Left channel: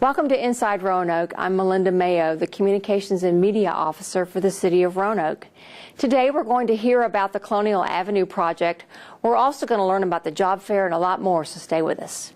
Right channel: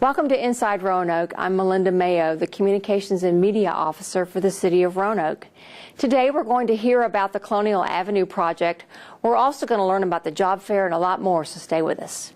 Welcome to Inside Roanoke. I'm Melinda Mayo, the Communications and Media Officer for the City of Roanoke. Today we're going to hear about the Colonial Avenue project. We're also going to learn about the job fair and a lot more, so stay with us.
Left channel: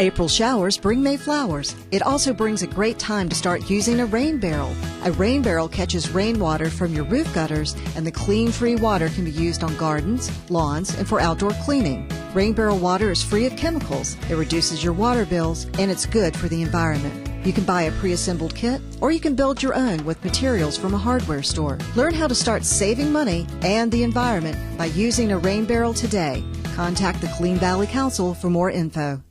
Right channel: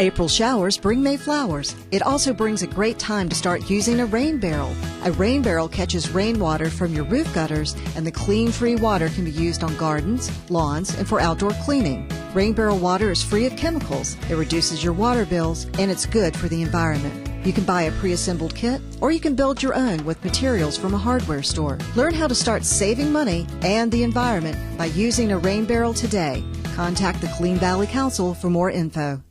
April showers bring May flowers. It also brings a great time to start using a rain barrel. A rain barrel catches rainwater from your roof gutters, and the clean, free water can be used on gardens, lawns, and for outdoor cleaning. Rain barrel water is free of chemicals. It reduces your water bills, and it's good for the environment. You can buy a pre-assembled kit, or you can build your own with materials from a hardware store. Learn how to start saving money and the environment by using a rain barrel today. Contact the Clean Valley Council for more info.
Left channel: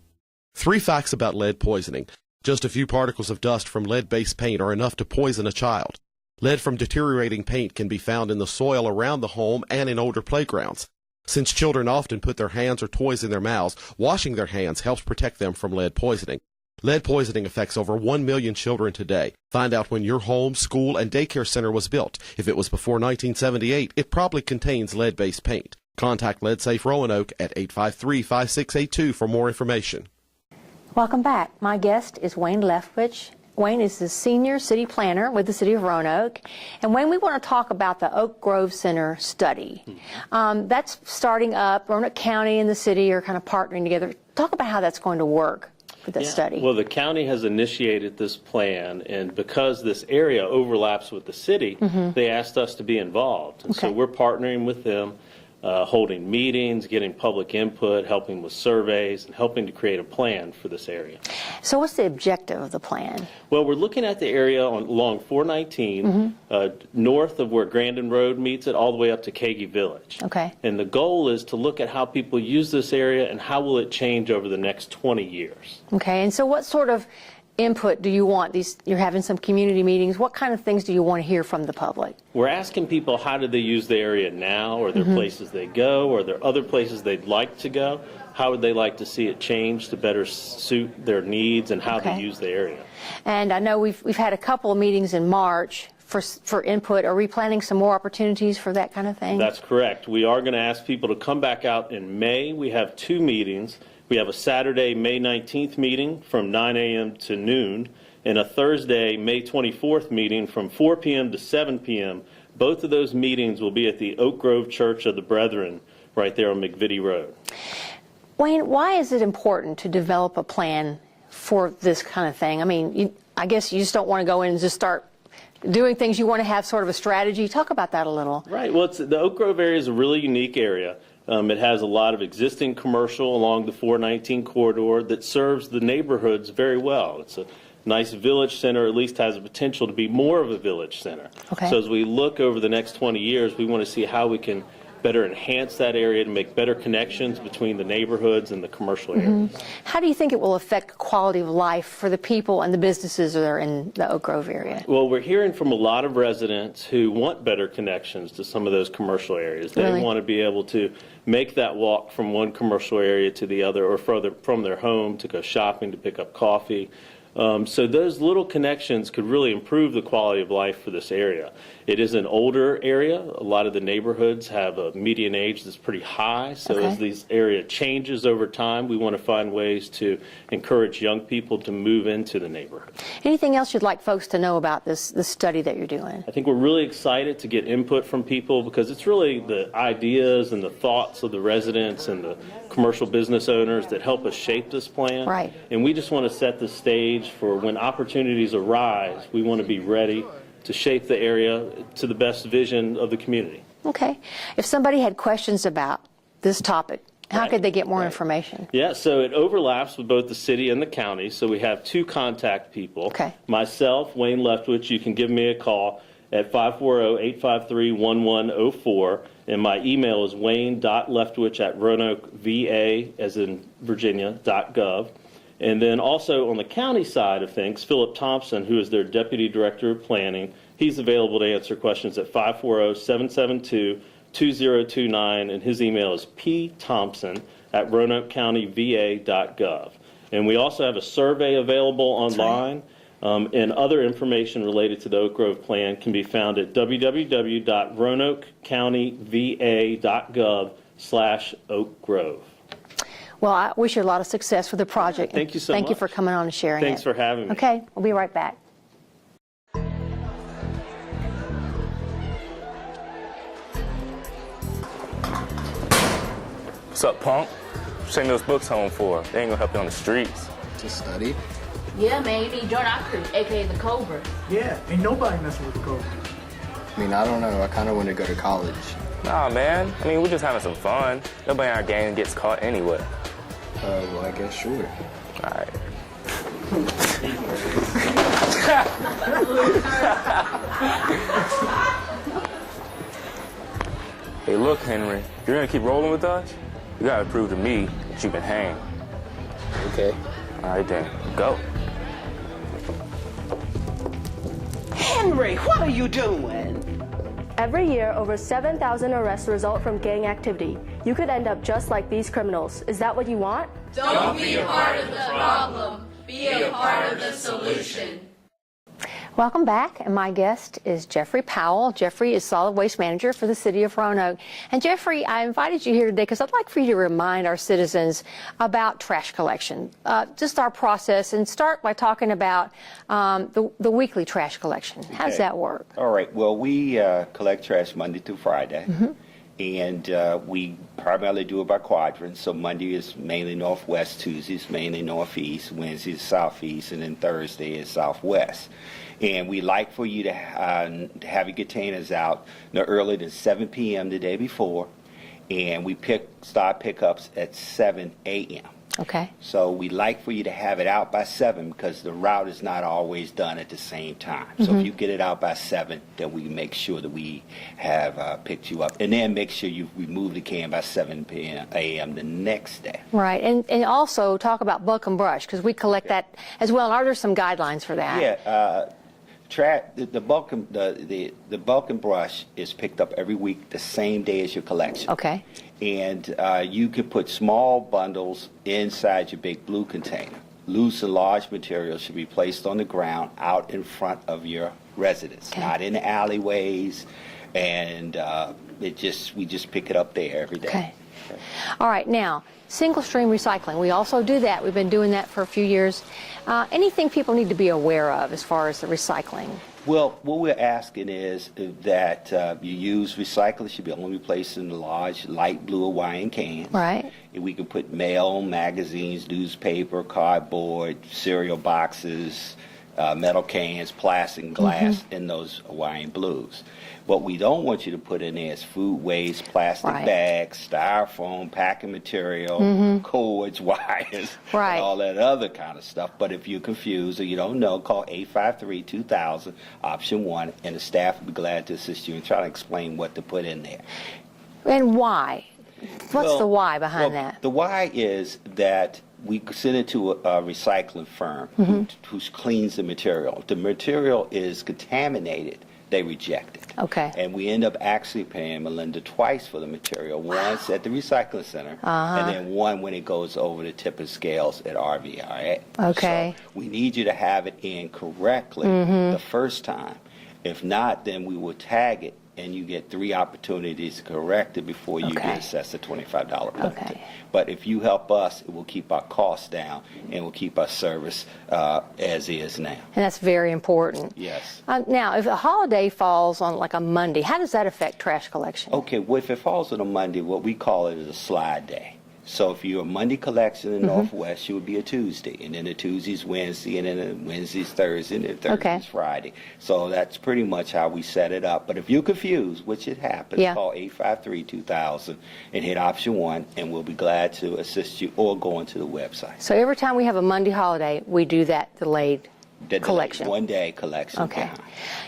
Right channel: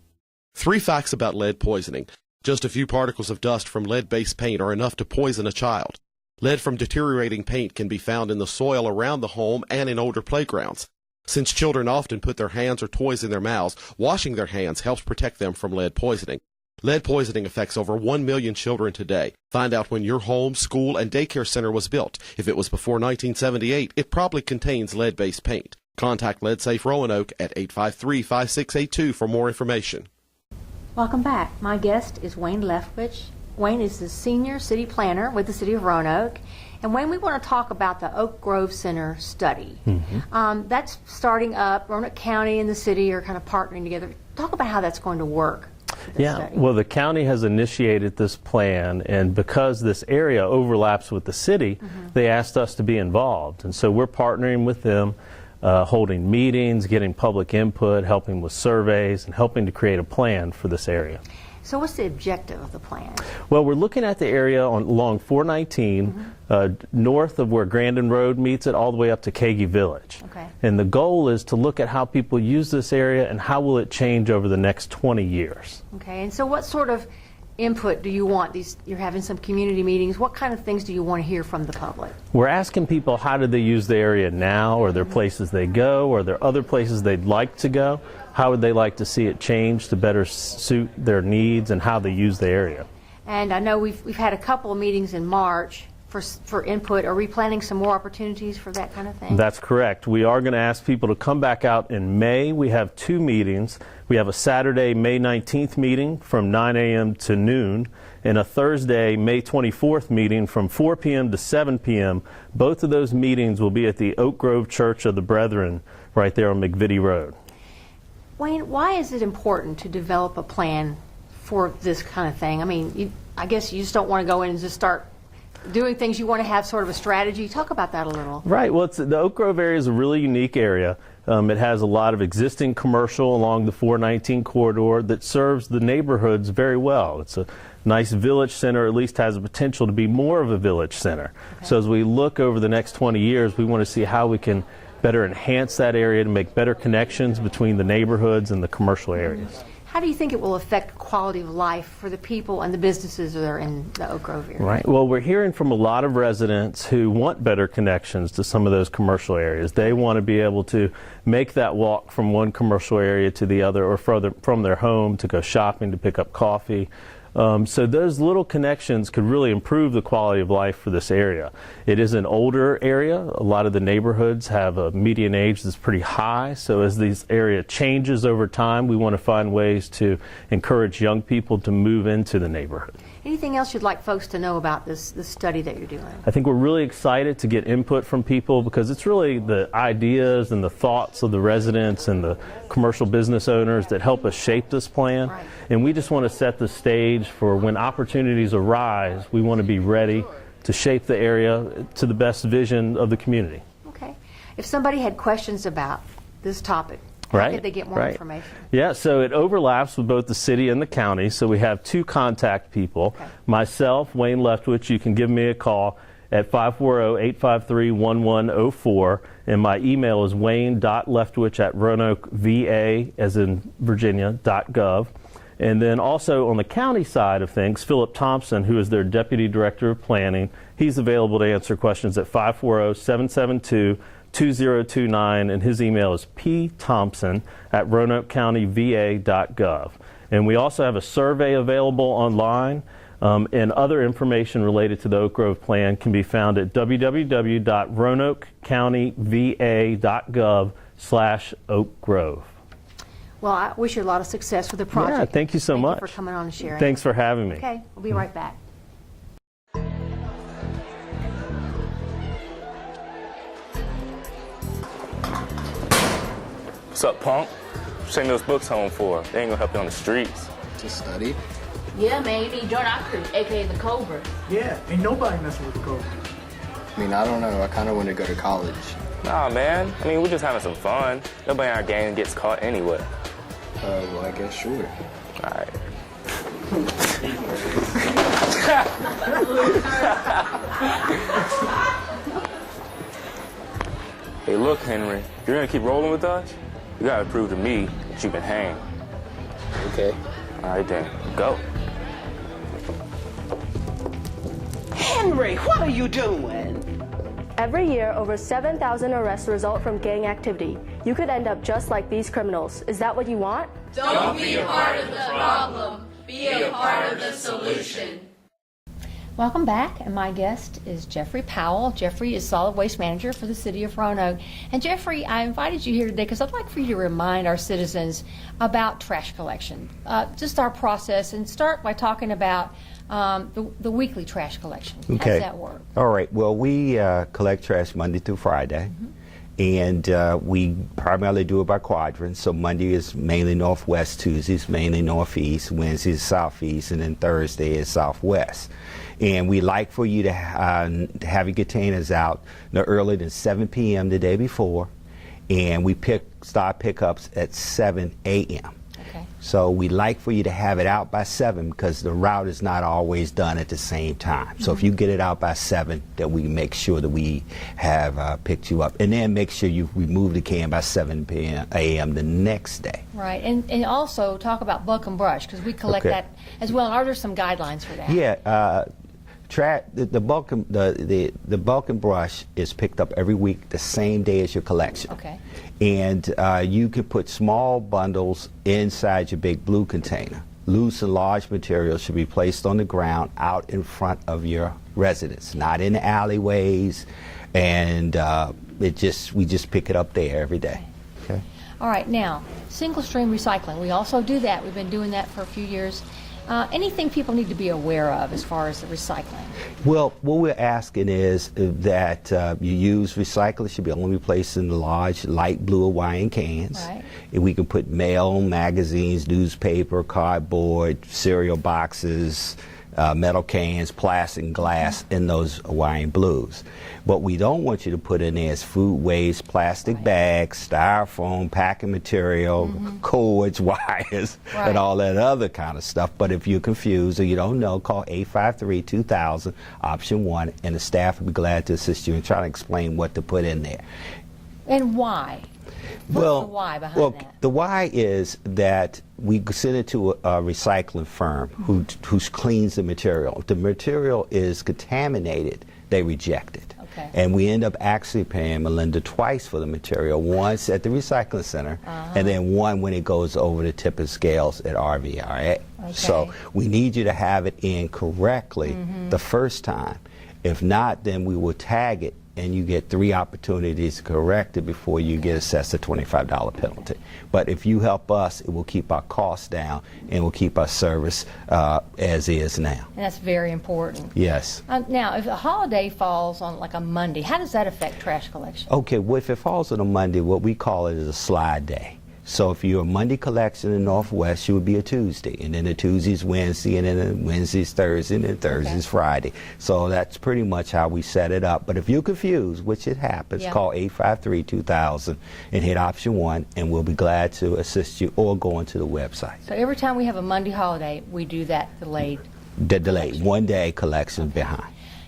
3 facts about lead poisoning. Just a few particles of dust from lead-based paint are enough to poison a child. Lead from deteriorating paint can be found in the soil around the home and in older playgrounds. Since children often put their hands or toys in their mouths, washing their hands helps protect them from lead poisoning. Lead poisoning affects over 1 million children today. Find out when your home, school, and daycare center was built. If it was before 1978, it probably contains lead-based paint. Contact Lead Safe Roanoke at 853-5682 for more information. Welcome back. My guest is Wayne Leftwich. Wayne is the senior city planner with the City of Roanoke. And Wayne, we want to talk about the Oak Grove Center study. That's starting up. Roanoke County and the city are kind of partnering together. Talk about how that's going to work for this study. Well, the county has initiated this plan, and because this area overlaps with the city, they asked us to be involved. And so we're partnering with them, holding meetings, getting public input, helping with surveys, and helping to create a plan for this area. So what's the objective of the plan? Well, we're looking at the area along 419, north of where Grandin Road meets it, all the way up to Kagi Village. Okay. And the goal is to look at how people use this area and how will it change over the next 20 years. Okay, and so what sort of input do you want? You're having some community meetings. What kind of things do you want to hear from the public? We're asking people how do they use the area now? Are there places they go? Are there other places they'd like to go? How would they like to see it change to better suit their needs and how they use the area? And I know we've had a couple of meetings in March for input. Are we planning some more opportunities for that kind of thing? That's correct. We are going to ask people to come back out in May. We have 2 meetings. We have a Saturday, May 19th meeting from 9 a.m. to noon, and a Thursday, May 24th meeting from 4 p.m. to 7 p.m. Both of those meetings will be at the Oak Grove Church of the Brethren right there on McVitie Road. Wayne, why is it important to develop a plan for this kind of thing? I mean, I guess you just don't want to go in and just start doing things. You want to have sort of a strategy. Talk about that a little. Right. Well, the Oak Grove area is a really unique area. It has a lot of existing commercial along the 419 corridor that serves the neighborhoods very well. It's a nice village center, at least has the potential to be more of a village center. Okay. So as we look over the next 20 years, we want to see how we can better enhance that area to make better connections between the neighborhoods and the commercial areas. How do you think it will affect quality of life for the people and the businesses that are in the Oak Grove area? Right. Well, we're hearing from a lot of residents who want better connections to some of those commercial areas. They want to be able to make that walk from one commercial area to the other, or further from their home to go shopping, to pick up coffee. So those little connections could really improve the quality of life for this area. It is an older area. A lot of the neighborhoods have a median age that's pretty high. So as this area changes over time, we want to find ways to encourage young people to move into the neighborhood. Anything else you'd like folks to know about this study that you're doing? I think we're really excited to get input from people, because it's really the ideas and the thoughts of the residents and the commercial business owners that help us shape this plan. Right. And we just want to set the stage for when opportunities arise. We want to be ready to shape the area to the best vision of the community. Okay. If somebody had questions about this topic, how could they get more information? Yeah, so it overlaps with both the city and the county, so we have 2 contact people. Okay. Myself, Wayne Leftwich, you can give me a call at 540-853-1104, and my email is wayne.leftwich@roanokeva, as in Virginia, .gov. And then also on the county side of things, Philip Thompson, who is their Deputy Director of Planning, he's available to answer questions at 540-772-2029, and his email is pthompson@roanokecountyva.gov. And we also have a survey available online, and other information related to the Oak Grove plan can be found at www.roanokecountyva.gov/Oak Grove. Well, I wish you a lot of success with the project. Yeah, thank you so much. Thank you for coming on and sharing Thanks it. for having me. Okay, we'll be right back. What's up, punk? Send those books home for. They ain't gonna help you on the streets. To study? Yeah, man, you need Jordan Crew, aka the Cobra. Yeah, ain't nobody messing with the Cobra. I mean, I don't know. I kind of want to go to college. Nah, man. I mean, we're just having some fun. Nobody in our gang gets caught anyway. Well, I guess sure. All right. Hey, look, Henry. If you're gonna keep rolling with us, you gotta prove to me that you can hang. Okay. All right, then. Go. Henry, what are you doing? Every year, over 7,000 arrests result from gang activity. You could end up just like these criminals. Is that what you want? Don't be a part of the problem. Be a part of the solution. Welcome back, and my guest is Jeffrey Powell. Jeffrey is Solid Waste Manager for the City of Roanoke. And Jeffrey, I invited you here today because I'd like for you to remind our citizens about trash collection, just our process, and start by talking about the weekly trash collection. Okay. How does that work? All right. Well, we collect trash Monday through Friday. And we primarily do it by quadrants. So Monday is mainly northwest, Tuesday is mainly northeast, Wednesday is southeast, and then Thursday is southwest. And we like for you to have your containers out no earlier than 7 p.m. the day before. And we start pickups at 7 a.m. Okay. So we like for you to have it out by 7 because the route is not always done at the same time. So if you get it out by 7, then we make sure that we have picked you up. And then make sure you remove the can by 7 a.m. the next day. Right, and also talk about bulk and brush because we collect that as well. Are there some guidelines for that? Yeah. The bulk and brush is picked up every week the same day as your collection. Okay. And you can put small bundles inside your big blue container. Loose and large materials should be placed on the ground out in front of your residence, not in the alleyways. And we just pick it up there every day. Okay. All right, now, single stream recycling. We also do that. We've been doing that for a few years. Anything people need to be aware of as far as the recycling? Well, what we're asking is that you use recyclers should be only placed in the large light blue Hawaiian cans. Right. And we can put mail, magazines, newspaper, cardboard, cereal boxes, metal cans, plastic, and glass in those Hawaiian blues. What we don't want you to put in there is food waste, plastic bags, styrofoam, packing material, cords, wires, and all that other kind of stuff. But if you're confused or you don't know, call 853-2000, option 1, and the staff will be glad to assist you and try to explain what to put in there. And why? What's the why behind that? The why is that we send it to a recycling firm who cleans the material. If the material is contaminated, they reject it. Okay. And we end up actually paying Melinda twice for the material, once at the recycling center, and then one when it goes over the tipping scales at RVRA. Okay. So we need you to have it in correctly the first time. If not, then we will tag it, and you get 3 opportunities to correct it before you get assessed a $25 penalty. But if you help us, it will keep our costs down and will keep our service as is now. And that's very important. Yes. Now, if a holiday falls on like a Monday, how does that affect trash collection? Okay, well, if it falls on a Monday, what we call it is a slide day. So if you're a Monday collection in the Northwest, you would be a Tuesday. And then a Tuesday's Wednesday, and then a Wednesday's Thursday, and then Thursday's Friday. So that's pretty much how we set it up. But if you're confused, which it happens, call 853-2000 and hit option 1, and we'll be glad to assist you or go onto the website. So every time we have a Monday holiday, we do that delayed collection. 1 day collection behind.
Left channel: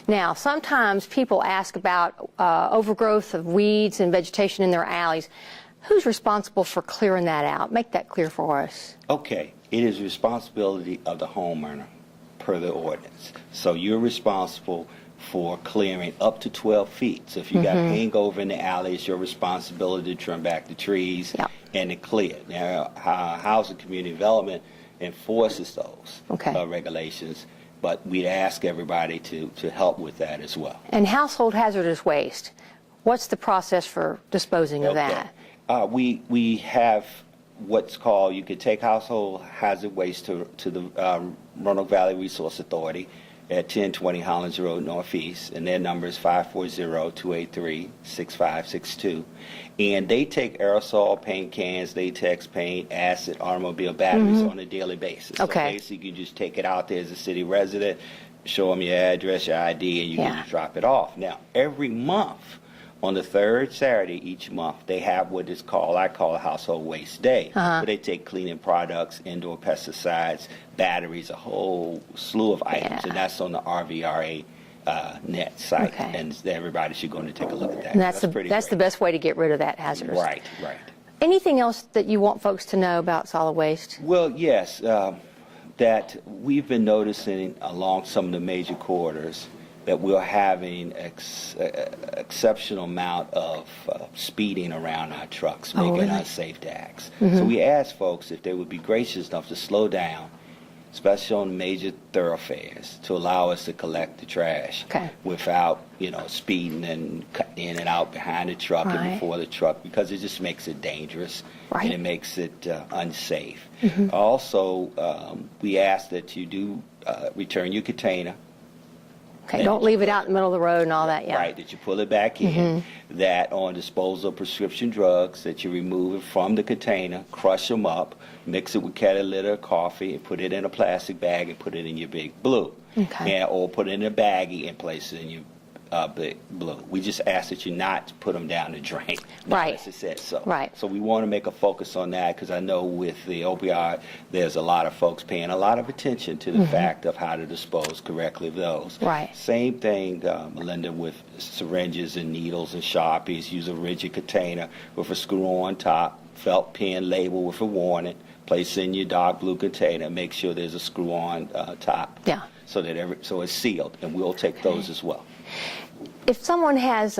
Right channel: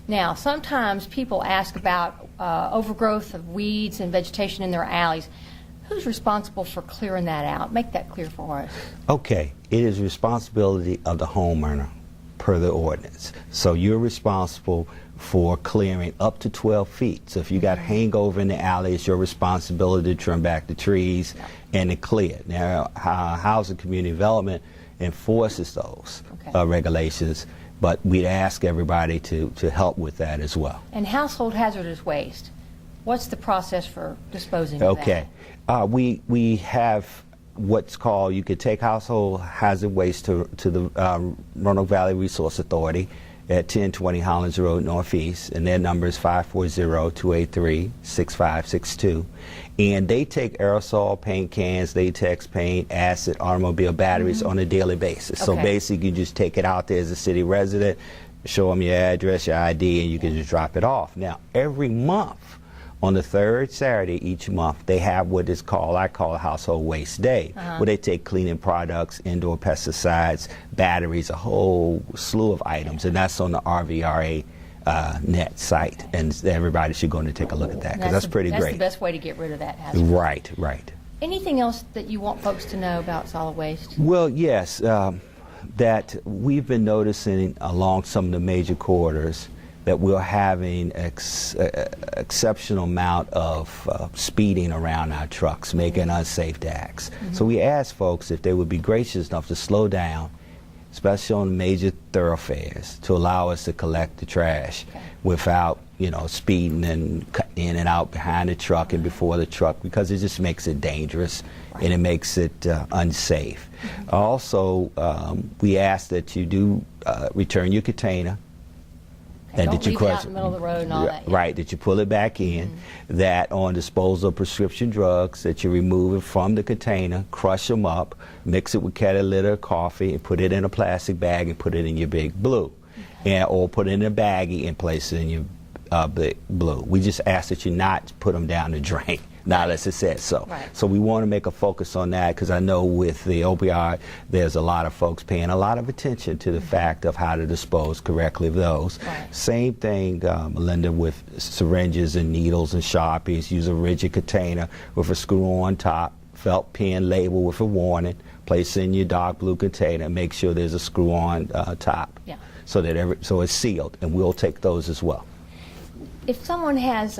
Now, sometimes people ask about overgrowth of weeds and vegetation in their alleys. Who's responsible for clearing that out? Make that clear for us. Okay, it is responsibility of the homeowner per the ordinance. So you're responsible for clearing up to 12 feet. So if you got hangover in the alley, it's your responsibility to trim back the trees and to clear. Now, Housing Community Development enforces those regulations, but we'd ask everybody to help with that as well. And household hazardous waste, what's the process for disposing of that? We have what's called, you could take household hazard waste to the Roanoke Valley Resource Authority at 1020 Hollins Road Northeast, and their number is 540-283-6562. And they take aerosol paint cans, latex paint, acid, automobile batteries on a daily basis. So basically, you just take it out there as a city resident, show them your address, your ID, and you can just drop it off. Now, every month, on the third Saturday each month, they have what is called, I call it Household Waste Day, where they take cleaning products, indoor pesticides, batteries, a whole slew of items, and that's on the RVRA net site, and everybody should go in to take a look at that, because that's pretty great. That's the best way to get rid of that hazardous. Right, right. Anything else that you want folks to know about solid waste? Well, yes, that we've been noticing along some of the major corridors that we're having exceptional amount of speeding around our trucks, making unsafe acts. So we asked folks if they would be gracious enough to slow down, especially on major thoroughfares, to allow us to collect the trash without, you know, speeding and cutting in and out behind the truck and before the truck, because it just makes it dangerous and it makes it unsafe. Also, we ask that you do return your container. Don't leave it out in the middle of the road and all that. Right, that you pull it back in, that on disposal of prescription drugs, that you remove it from the container, crush them up, mix it with catalytic coffee, and put it in a plastic bag and put it in your Big Blue. Or put it in a baggie and place it in your Big Blue. We just ask that you not put them down the drain, not unless it says so. So we want to make a focus on that, because I know with the opioid, there's a lot of folks paying a lot of attention to the fact of how to dispose correctly of those. Same thing, Melinda, with syringes and needles and Sharpies. Use a rigid container with a screw on top, felt pen label with a warning. Place it in your dark blue container. Make sure there's a screw on top. So that so it's sealed, and we'll take those as well. If someone has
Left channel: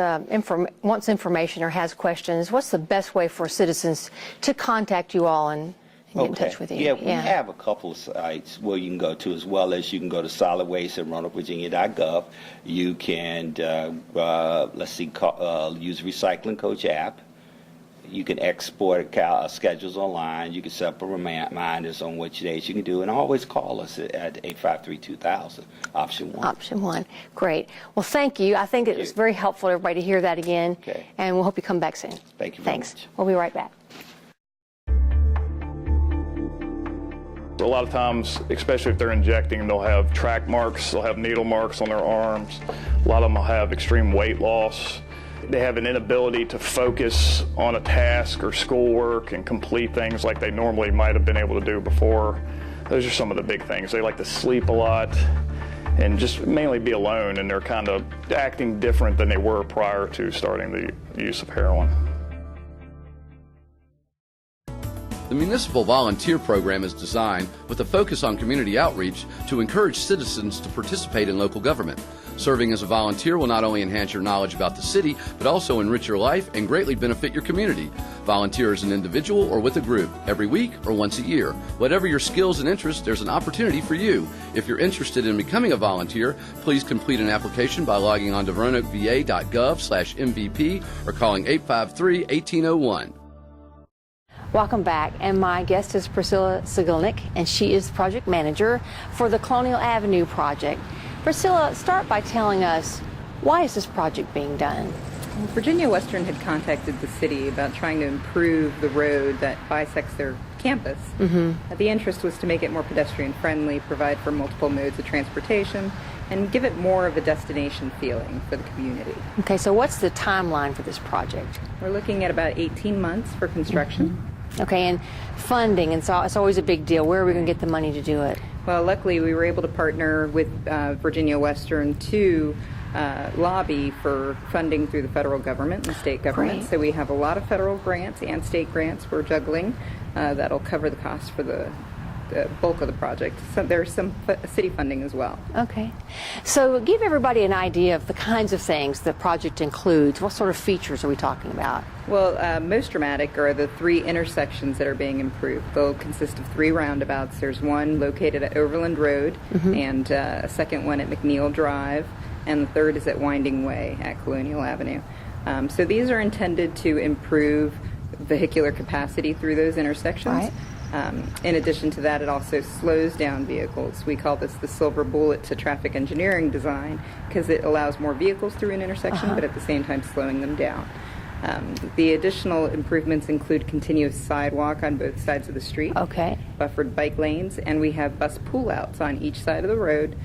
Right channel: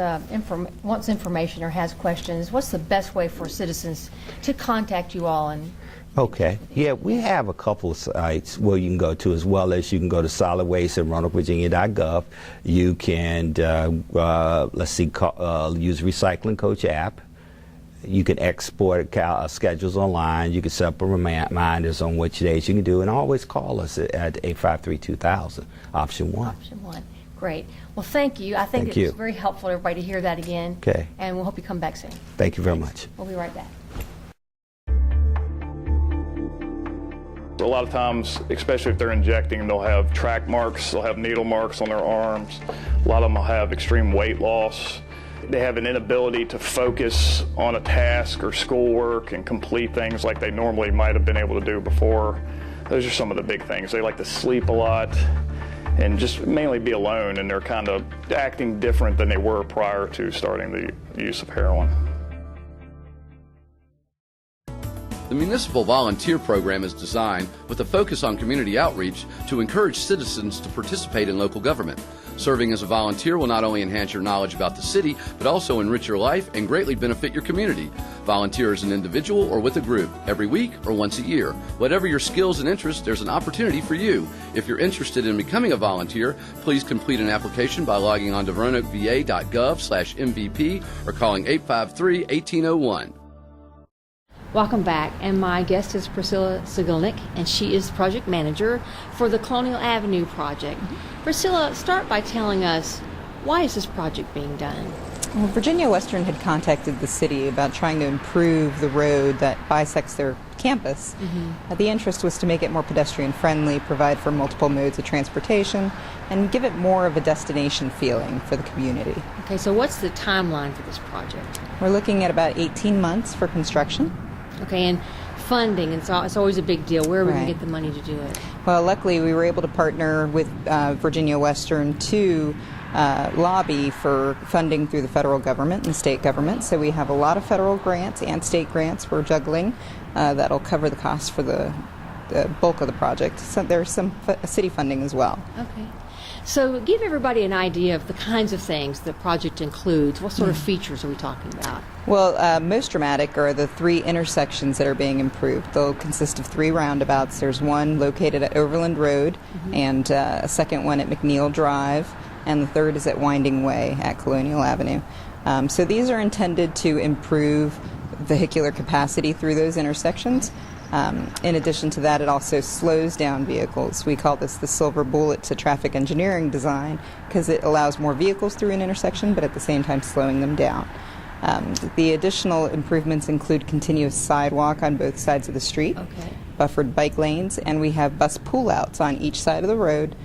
wants information or has questions, what's the best way for citizens to contact you all and get in touch with you? We have a couple of sites where you can go to, as well as you can go to solid waste at RoanokeVirginia.gov. You can, use Recycling Coach app. You can export schedules online. You can set up reminders on which days you can do, and always call us at 853-2000, option 1. Option 1. Great. Well, thank you. I think it's very helpful for everybody to hear that again. And we'll hope you come back soon. Thank you very much. We'll be right back. A lot of times, especially if they're injecting, they'll have track marks, they'll have needle marks on their arms. A lot of them will have extreme weight loss. They have an inability to focus on a task or schoolwork and complete things like they normally might have been able to do before. Those are some of the big things. They like to sleep a lot and just mainly be alone, and they're kind of acting different than they were prior to starting the use of heroin. The Municipal Volunteer Program is designed with a focus on community outreach to encourage citizens to participate in local government. Serving as a volunteer will not only enhance your knowledge about the city, but also enrich your life and greatly benefit your community. Volunteer as an individual or with a group, every week or once a year. Whatever your skills and interests, there's an opportunity for you. If you're interested in becoming a volunteer, please complete an application by logging on to RoanokeVA.gov/MVP or calling 853-1801. Welcome back, and my guest is Priscilla Sigilnik, and she is project manager for the Colonial Avenue project. Priscilla, start by telling us, why is this project being done? Well, Virginia Western had contacted the city about trying to improve the road that bisects their campus. The interest was to make it more pedestrian friendly, provide for multiple modes of transportation, and give it more of a destination feeling for the community. Okay, so what's the timeline for this project? We're looking at about 18 months for construction. Okay, and funding, and so it's always a big deal. Where are we going to get the money to do it? Well, luckily we were able to partner with Virginia Western to lobby for funding through the federal government and state government. So we have a lot of federal grants and state grants we're juggling that'll cover the cost for the bulk of the project. So there's some city funding as well. Okay. So give everybody an idea of the kinds of things the project includes. What sort of features are we talking about? Well, most dramatic are the 3 intersections that are being improved. They'll consist of 3 roundabouts. There's one located at Overland Road, and a second one at McNeil Drive, and the third is at Winding Way at Colonial Avenue. So these are intended to improve vehicular capacity through those intersections. In addition to that, it also slows down vehicles. We call this the silver bullet to traffic engineering design because it allows more vehicles through an intersection, but at the same time slowing them down. The additional improvements include continuous sidewalk on both sides of the street, buffered bike lanes, and we have bus pull-outs on each side of the road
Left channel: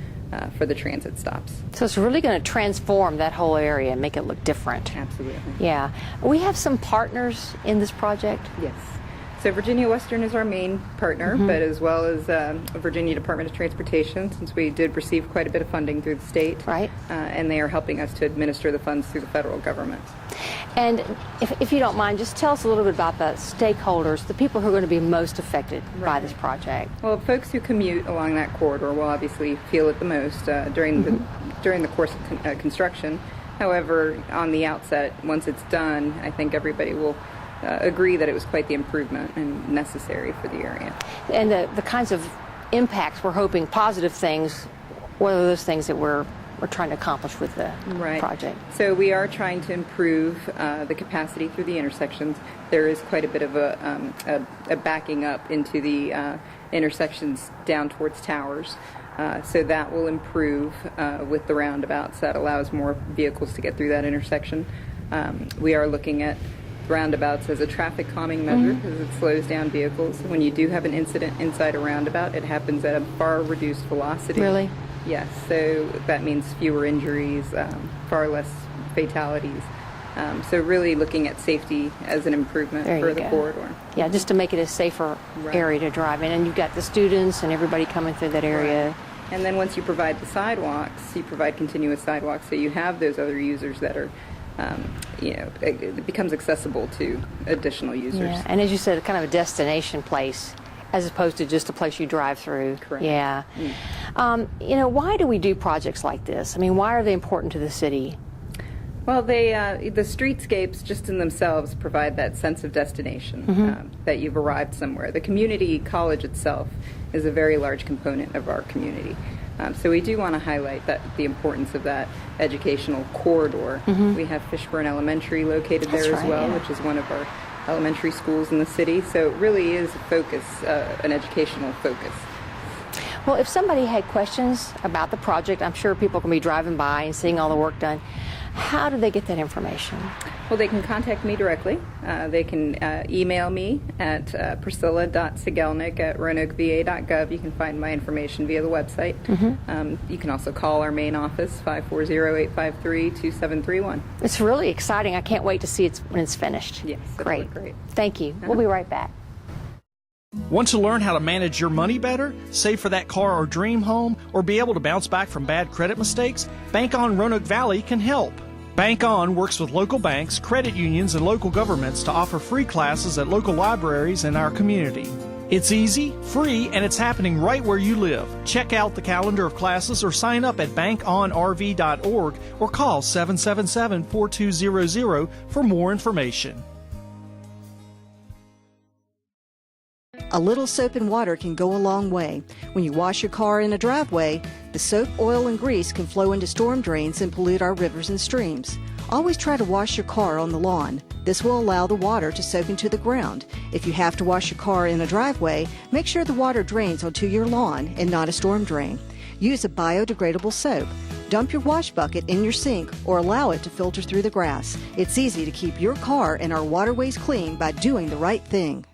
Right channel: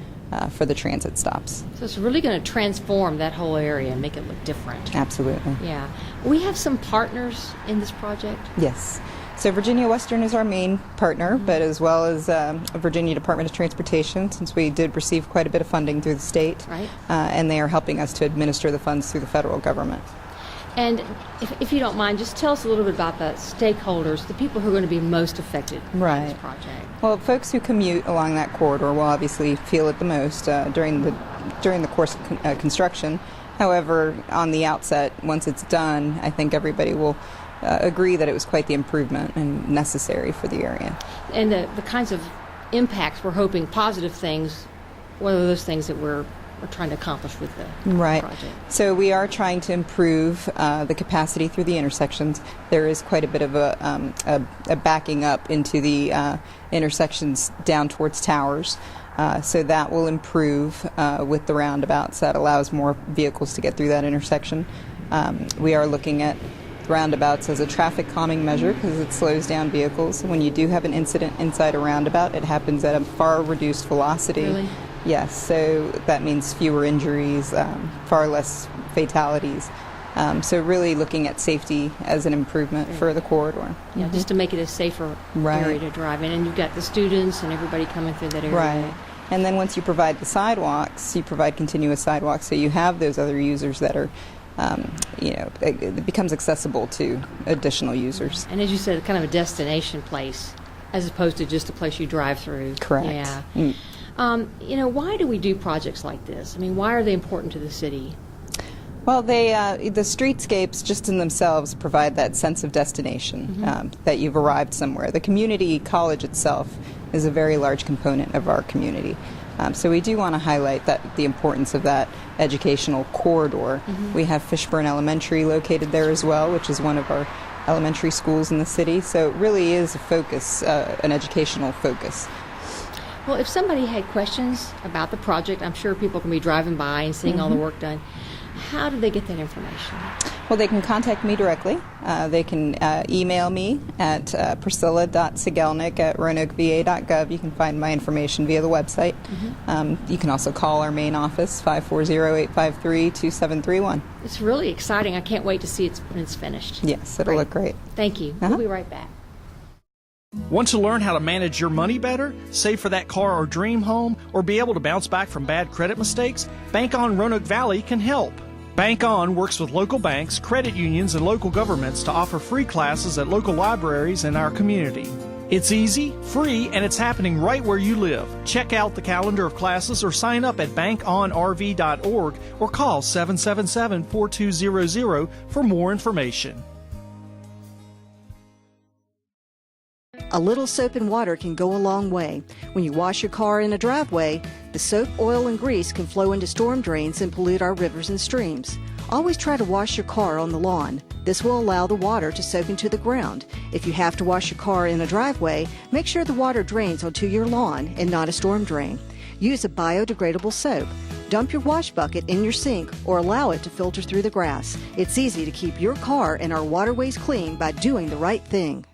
for the transit stops. So it's really going to transform that whole area and make it look different. Absolutely. Yeah. We have some partners in this project? Yes. So Virginia Western is our main partner, but as well as Virginia Department of Transportation, since we did receive quite a bit of funding through the state. And they are helping us to administer the funds through the federal government. And if you don't mind, just tell us a little bit about the stakeholders, the people who are going to be most affected by this project. Well, folks who commute along that corridor will obviously feel it the most during the course of construction. However, on the outset, once it's done, I think everybody will agree that it was quite the improvement and necessary for the area. And the kinds of impacts we're hoping, positive things, what are those things that we're trying to accomplish with the project? So we are trying to improve the capacity through the intersections. There is quite a bit of a backing up into the intersections down towards towers. So that will improve with the roundabouts. That allows more vehicles to get through that intersection. We are looking at roundabouts as a traffic calming measure because it slows down vehicles. When you do have an incident inside a roundabout, it happens at a far reduced velocity. Really? Yes, so that means fewer injuries, far less fatalities. So really looking at safety as an improvement for the corridor. Yeah, just to make it a safer area to drive in. And you've got the students and everybody coming through that area. And then once you provide the sidewalks, you provide continuous sidewalks, so you have those other users that are it becomes accessible to additional users. Yeah. And as you said, kind of a destination place as opposed to just a place you drive through. Correct. Yeah. Why do we do projects like this? I mean, why are they important to the city? Well, the streetscapes just in themselves provide that sense of destination, that you've arrived somewhere. The community college itself is a very large component of our community. So we do want to highlight the importance of that educational corridor. We have Fishburne Elementary located there as well, which is one of our elementary schools in the city. So it really is a focus, an educational focus. Well, if somebody had questions about the project, I'm sure people can be driving by and seeing all the work done. How do they get that information? Well, they can contact me directly. They can email me at priscilla.sigelnik@roanokeva.gov. You can find my information via the website. You can also call our main office, 540-853-2731. It's really exciting. I can't wait to see it when it's finished. Yes, it'll look great. Thank you. We'll be right back. Want to learn how to manage your money better, save for that car or dream home, or be able to bounce back from bad credit mistakes? Bank On Roanoke Valley can help. Bank On works with local banks, credit unions, and local governments to offer free classes at local libraries in our community. It's easy, free, and it's happening right where you live. Check out the calendar of classes or sign up at bankonrv.org or call 777-4200 for more information. A little soap and water can go a long way. When you wash your car in a driveway, the soap, oil, and grease can flow into storm drains and pollute our rivers and streams. Always try to wash your car on the lawn. This will allow the water to soak into the ground. If you have to wash your car in a driveway, make sure the water drains onto your lawn and not a storm drain. Use a biodegradable soap. Dump your wash bucket in your sink or allow it to filter through the grass. It's easy to keep your car and our waterways clean by doing the right thing.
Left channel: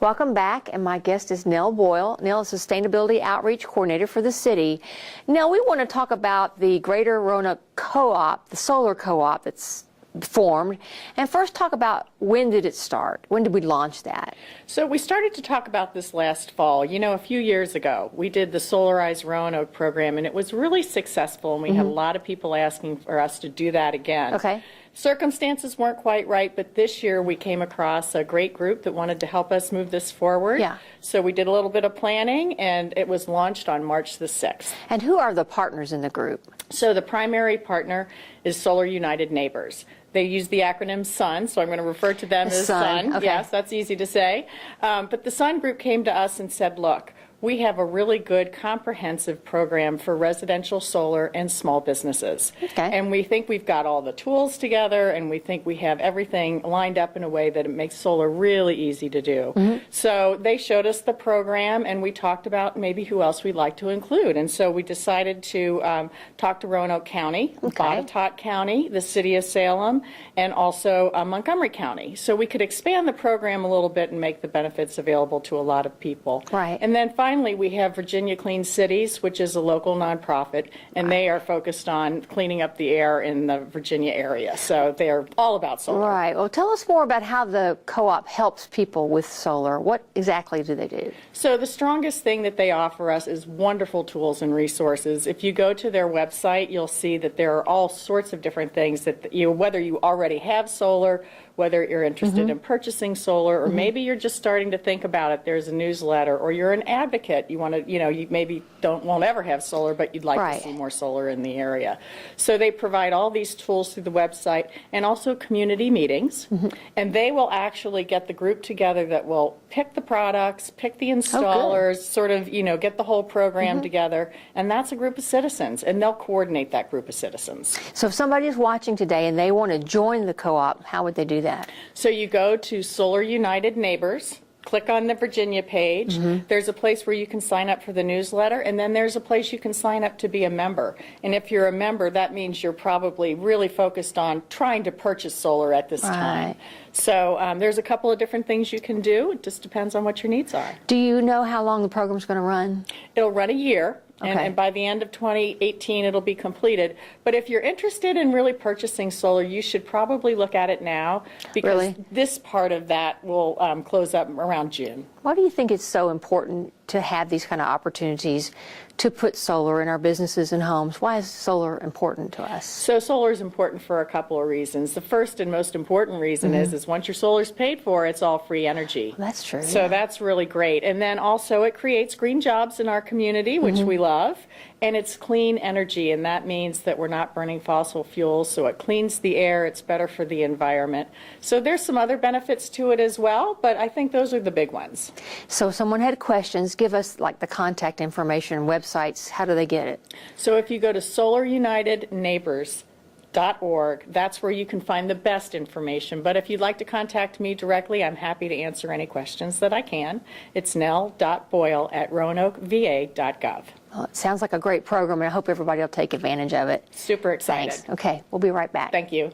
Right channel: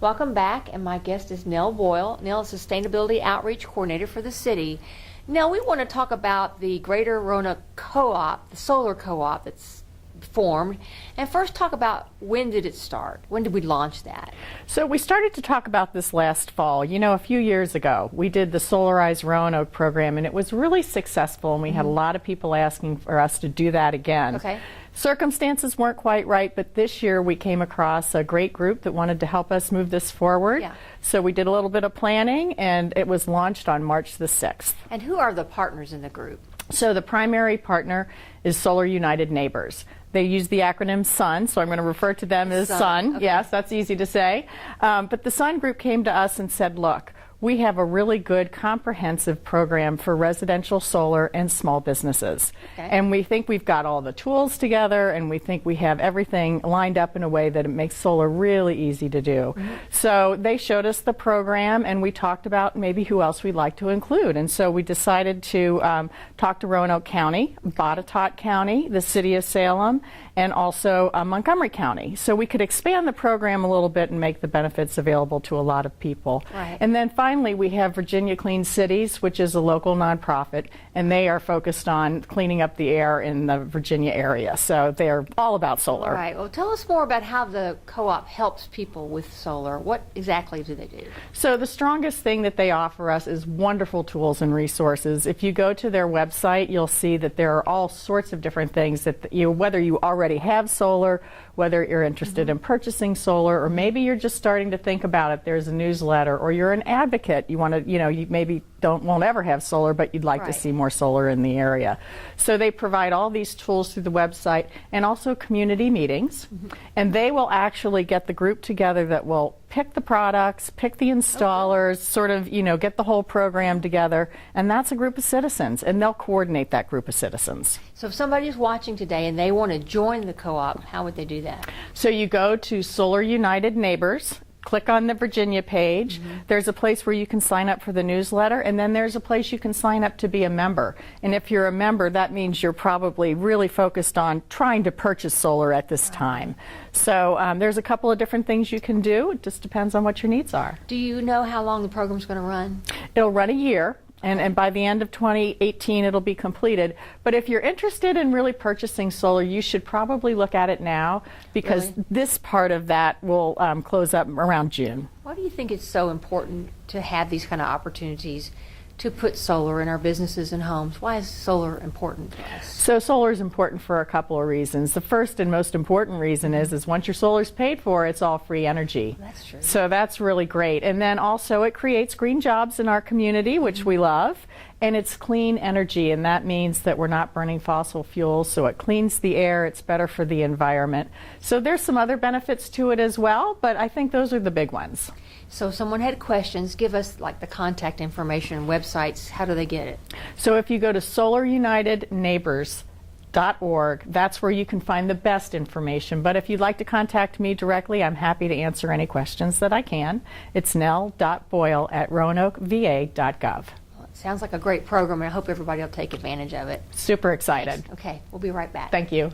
Welcome back, and my guest is Nell Boyle. Nell is Sustainability Outreach Coordinator for the city. Nell, we want to talk about the Greater Roanoke Co-op, the solar co-op that's formed. And first talk about, when did it start? When did we launch that? So we started to talk about this last fall. You know, a few years ago, we did the Solarize Roanoke program, and it was really successful, and we had a lot of people asking for us to do that again. Okay. Circumstances weren't quite right, but this year we came across a great group that wanted to help us move this forward. Yeah. So we did a little bit of planning, and it was launched on March the 6th. And who are the partners in the group? So the primary partner is Solar United Neighbors. They use the acronym SUN, so I'm going to refer to them as SUN. Okay. Yes, that's easy to say. But the SUN group came to us and said, look, we have a really good comprehensive program for residential solar and small businesses. Okay. And we think we've got all the tools together, and we think we have everything lined up in a way that it makes solar really easy to do. So they showed us the program, and we talked about maybe who else we'd like to include. And so we decided to talk to Roanoke County, Botetourt County, the City of Salem, and also Montgomery County. So we could expand the program a little bit and make the benefits available to a lot of people. Right. And then finally, we have Virginia Clean Cities, which is a local nonprofit, and they are focused on cleaning up the air in the Virginia area. So they're all about solar. Right. Well, tell us more about how the co-op helps people with solar. What exactly do they do? So the strongest thing that they offer us is wonderful tools and resources. If you go to their website, you'll see that there are all sorts of different things that whether you already have solar, whether you're interested in purchasing solar, or maybe you're just starting to think about it. There's a newsletter, or you're an advocate. You want to, you maybe won't ever have solar, but you'd like to see more solar in the area. So they provide all these tools through the website, and also community meetings. And they will actually get the group together that will pick the products, pick the installers, sort of, get the whole program together. And that's a group of citizens, and they'll coordinate that group of citizens. So if somebody's watching today and they want to join the co-op, how would they do that? So you go to Solar United Neighbors, click on the Virginia page. There's a place where you can sign up for the newsletter, and then there's a place you can sign up to be a member. And if you're a member, that means you're probably really focused on trying to purchase solar at this time. So there's a couple of different things you can do. It just depends on what your needs are. Do you know how long the program's going to run? It'll run a year. And by the end of 2018, it'll be completed. But if you're interested in really purchasing solar, you should probably look at it now, because this part of that will close up around June. Why do you think it's so important to have these kind of opportunities to put solar in our businesses and homes? Why is solar important to us? So solar is important for a couple of reasons. The first and most important reason is once your solar's paid for, it's all free energy. That's true. So that's really great. And then also it creates green jobs in our community, which we love. And it's clean energy, and that means that we're not burning fossil fuels, so it cleans the air, it's better for the environment. So there's some other benefits to it as well, but I think those are the big ones. So if someone had questions, give us like the contact information and websites. How do they get it? So if you go to solarunitedneighbors.org, that's where you can find the best information. But if you'd like to contact me directly, I'm happy to answer any questions that I can. It's nell.boyle@roanokeva.gov. Well, it sounds like a great program, and I hope everybody will take advantage of it. Super excited. Thanks. Okay, we'll be right back. Thank you.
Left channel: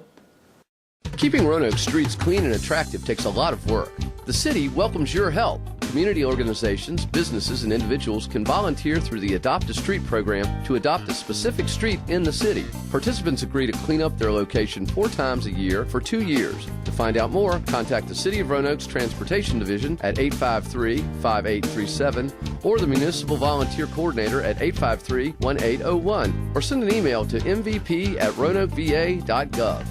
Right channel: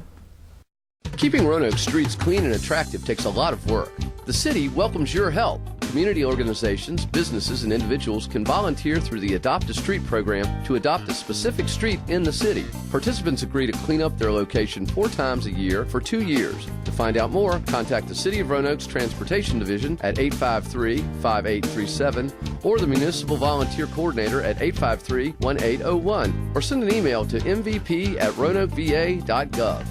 Keeping Roanoke streets clean and attractive takes a lot of work. The city welcomes your help. Community organizations, businesses, and individuals can volunteer through the Adopt a Street program to adopt a specific street in the city. Participants agree to clean up their location 4 times a year for 2 years. To find out more, contact the City of Roanoke's Transportation Division at 853-5837 or the Municipal Volunteer Coordinator at 853-1801, or send an email to mvp@roanokeva.gov.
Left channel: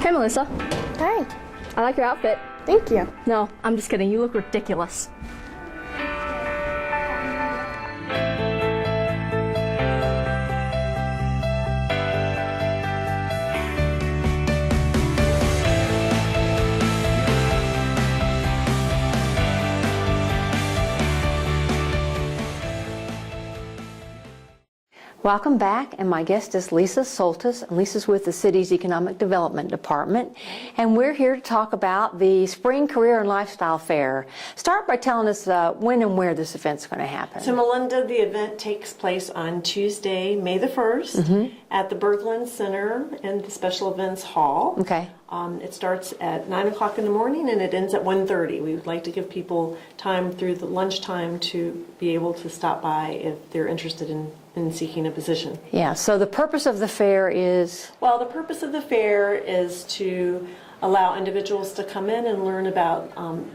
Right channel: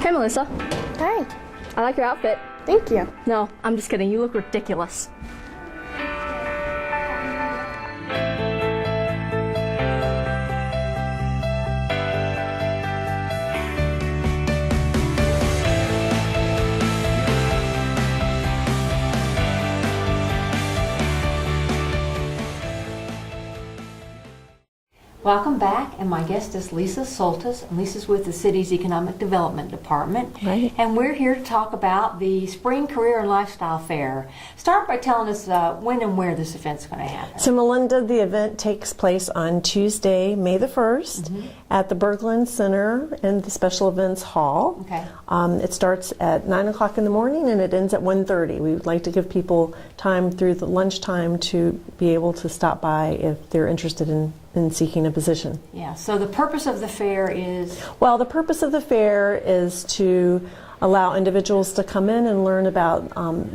Hey, Melissa. Hey. I like your outfit. Thank you. No, I'm just kidding. You look ridiculous. Welcome back, and my guest is Lisa Soltis, and Lisa's with the city's Economic Development Department. Right. And we're here to talk about the Spring Career and Lifestyle Fair. Start by telling us when and where this event's going to happen. So, Melinda, the event takes place on Tuesday, May the 1st, at the Berglund Center in the Special Events Hall. Okay. It starts at 9 o'clock in the morning and it ends at 1:30. We would like to give people time through the lunchtime to be able to stop by if they're interested in seeking a position. Yeah, so the purpose of the fair is? Well, the purpose of the fair is to allow individuals to come in and learn about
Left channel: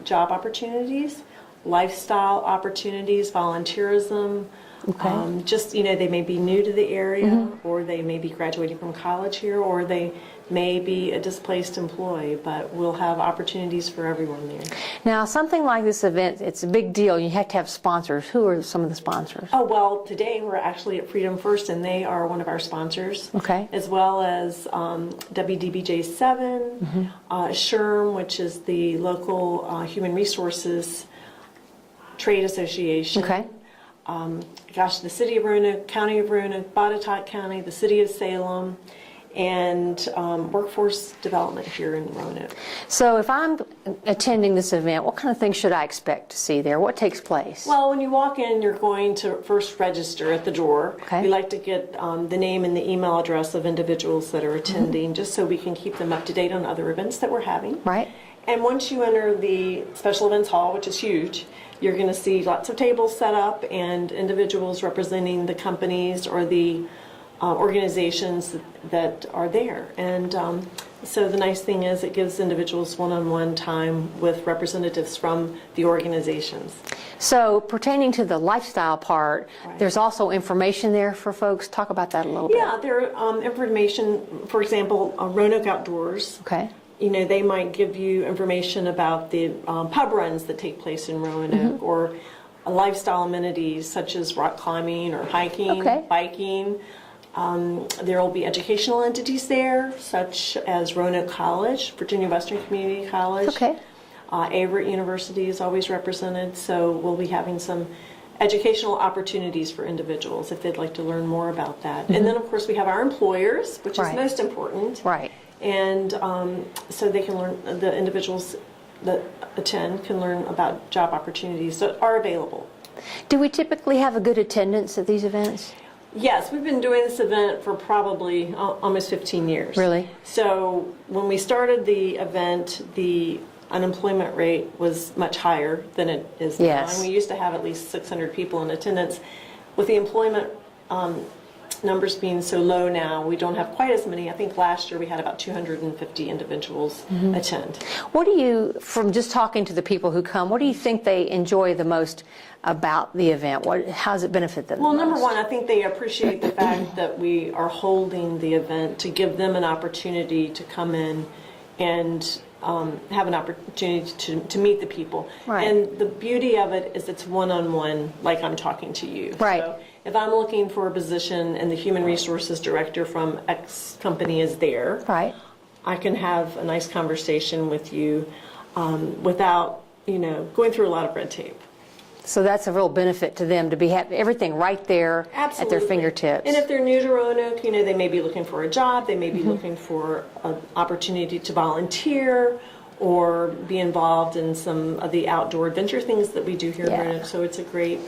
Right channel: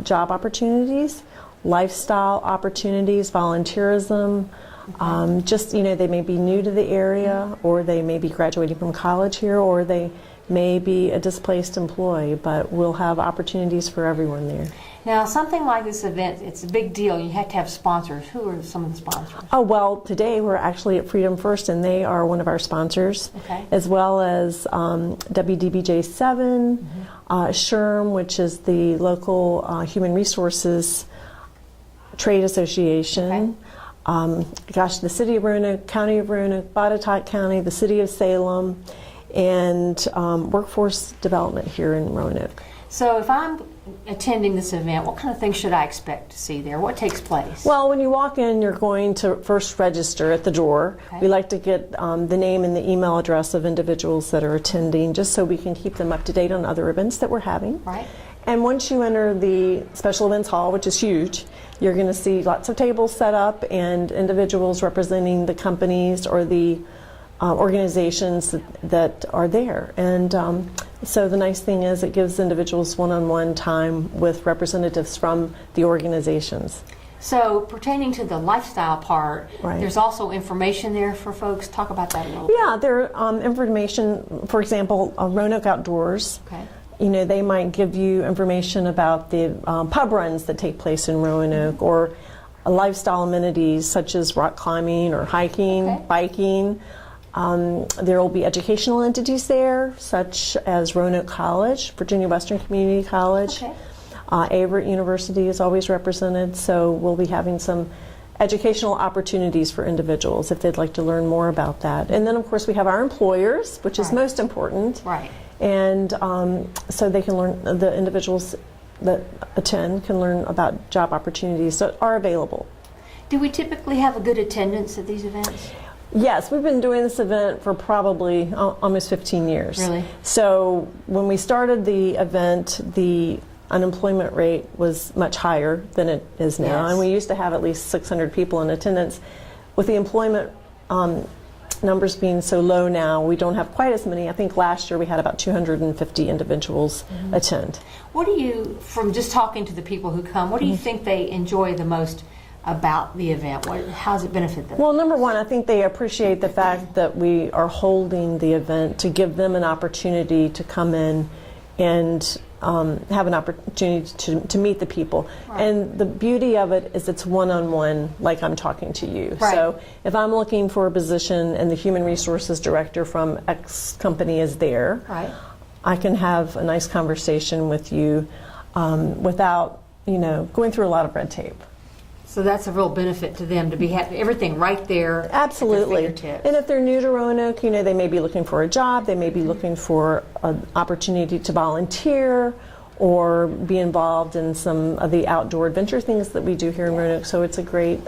job opportunities, lifestyle opportunities, volunteerism. Okay. Just, they may be new to the area, or they may be graduating from college here, or they may be a displaced employee, but we'll have opportunities for everyone there. Now, something like this event, it's a big deal. You have to have sponsors. Who are some of the sponsors? Oh, well, today we're actually at Freedom First, and they are one of our sponsors, okay, as well as WDBJ7, SHRM, which is the local human resources trade association. Okay. The City of Roanoke, County of Roanoke, Botetourt County, the City of Salem, and workforce development here in Roanoke. So if I'm attending this event, what kind of things should I expect to see there? What takes place? Well, when you walk in, you're going to first register at the door. Okay. We like to get the name and the email address of individuals that are attending, just so we can keep them up to date on other events that we're having. Right. And once you enter the special events hall, which is huge, you're going to see lots of tables set up and individuals representing the companies or the organizations that are there. And so the nice thing is it gives individuals one-on-one time with representatives from the organizations. So pertaining to the lifestyle part, right, there's also information there for folks. Talk about that a little bit. Yeah, there information, for example, Roanoke Outdoors. Okay. You know, they might give you information about the pub runs that take place in Roanoke, or lifestyle amenities such as rock climbing or hiking, biking. There will be educational entities there, such as Roanoke College, Virginia Western Community College. Okay. Averett University is always represented, so we'll be having some educational opportunities for individuals if they'd like to learn more about that. And then, of course, we have our employers, which is most important. Right. And so they can learn, the individuals that attend can learn about job opportunities that are available. Do we typically have a good attendance at these events? Yes, we've been doing this event for probably almost 15 years. Really? So when we started the event, the unemployment rate was much higher than it is now. Yes. And we used to have at least 600 people in attendance. With the employment numbers being so low now, we don't have quite as many. I think last year we had about 250 individuals attend. What do you, from just talking to the people who come, what do you think they enjoy the most about the event? How does it benefit them? Well, number one, I think they appreciate the fact that we are holding the event to give them an opportunity to come in and have an opportunity to meet the people. Right. And the beauty of it is it's one-on-one, like I'm talking to you. Right. So if I'm looking for a position and the human resources director from X company is there, right, I can have a nice conversation with you without, going through a lot of red tape. So that's a real benefit to them to be having everything right there Absolutely. at their fingertips. And if they're new to Roanoke, they may be looking for a job, they may be looking for an opportunity to volunteer or be involved in some of the outdoor adventure things that we do here in Roanoke. So it's a great,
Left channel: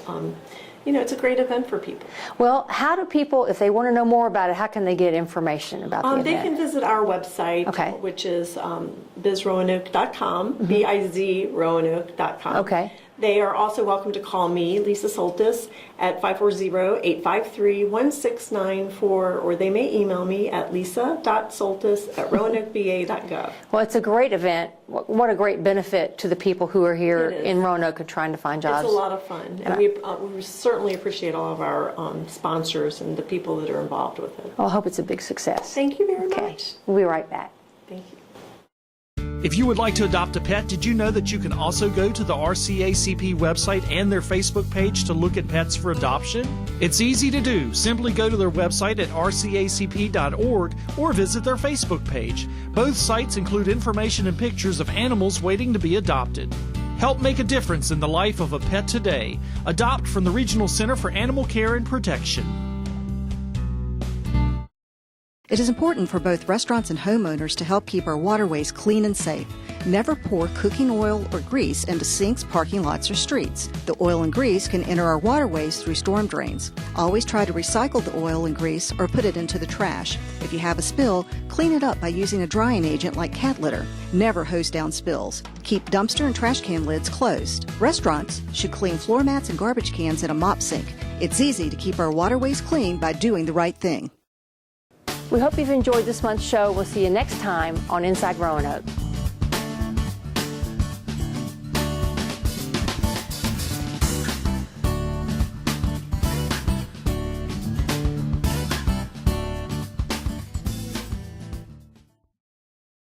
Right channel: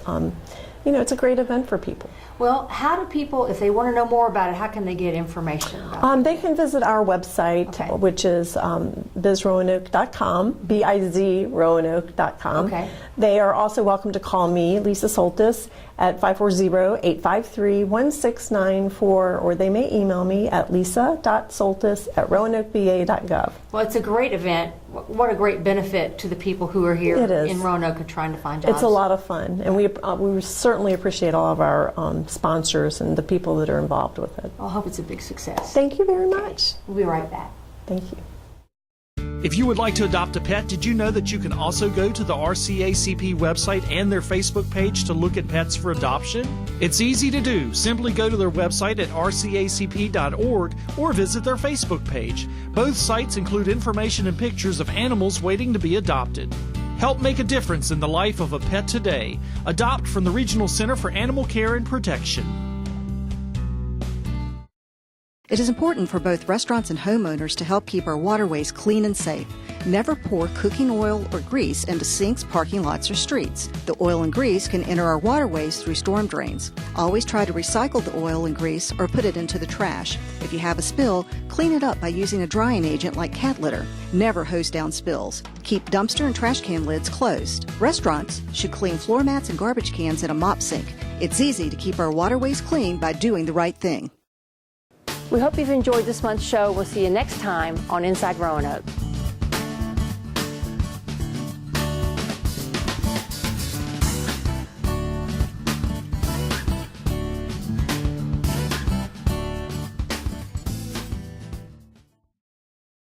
it's a great event for people. Well, how do people, if they want to know more about it, how can they get information about the They event? can visit our website, which is bizroanoke.com, bizroanoke.com. Okay. They are also welcome to call me, Lisa Soltis, at 540-853-1694, or they may email me at lisa.soltis@roanokeba.gov. Well, it's a great event. What a great benefit to the people who are here in Roanoke and trying to find jobs. It's a lot of fun, and we certainly appreciate all of our sponsors and the people that are involved with it. Well, I hope it's a big success. Thank you very much. We'll be right back. Thank you. If you would like to adopt a pet, did you know that you can also go to the RCACP website and their Facebook page to look at pets for adoption? It's easy to do. Simply go to their website at rcacp.org or visit their Facebook page. Both sites include information and pictures of animals waiting to be adopted. Help make a difference in the life of a pet today. Adopt from the Regional Center for Animal Care and Protection. It is important for both restaurants and homeowners to help keep our waterways clean and safe. Never pour cooking oil or grease into sinks, parking lots, or streets. The oil and grease can enter our waterways through storm drains. Always try to recycle the oil and grease or put it into the trash. If you have a spill, clean it up by using a drying agent like cat litter. Never hose down spills. Keep dumpster and trash can lids closed. Restaurants should clean floor mats and garbage cans in a mop sink. It's easy to keep our waterways clean by doing the right thing. We hope you've enjoyed this month's show. We'll see you next time on Inside Roanoke.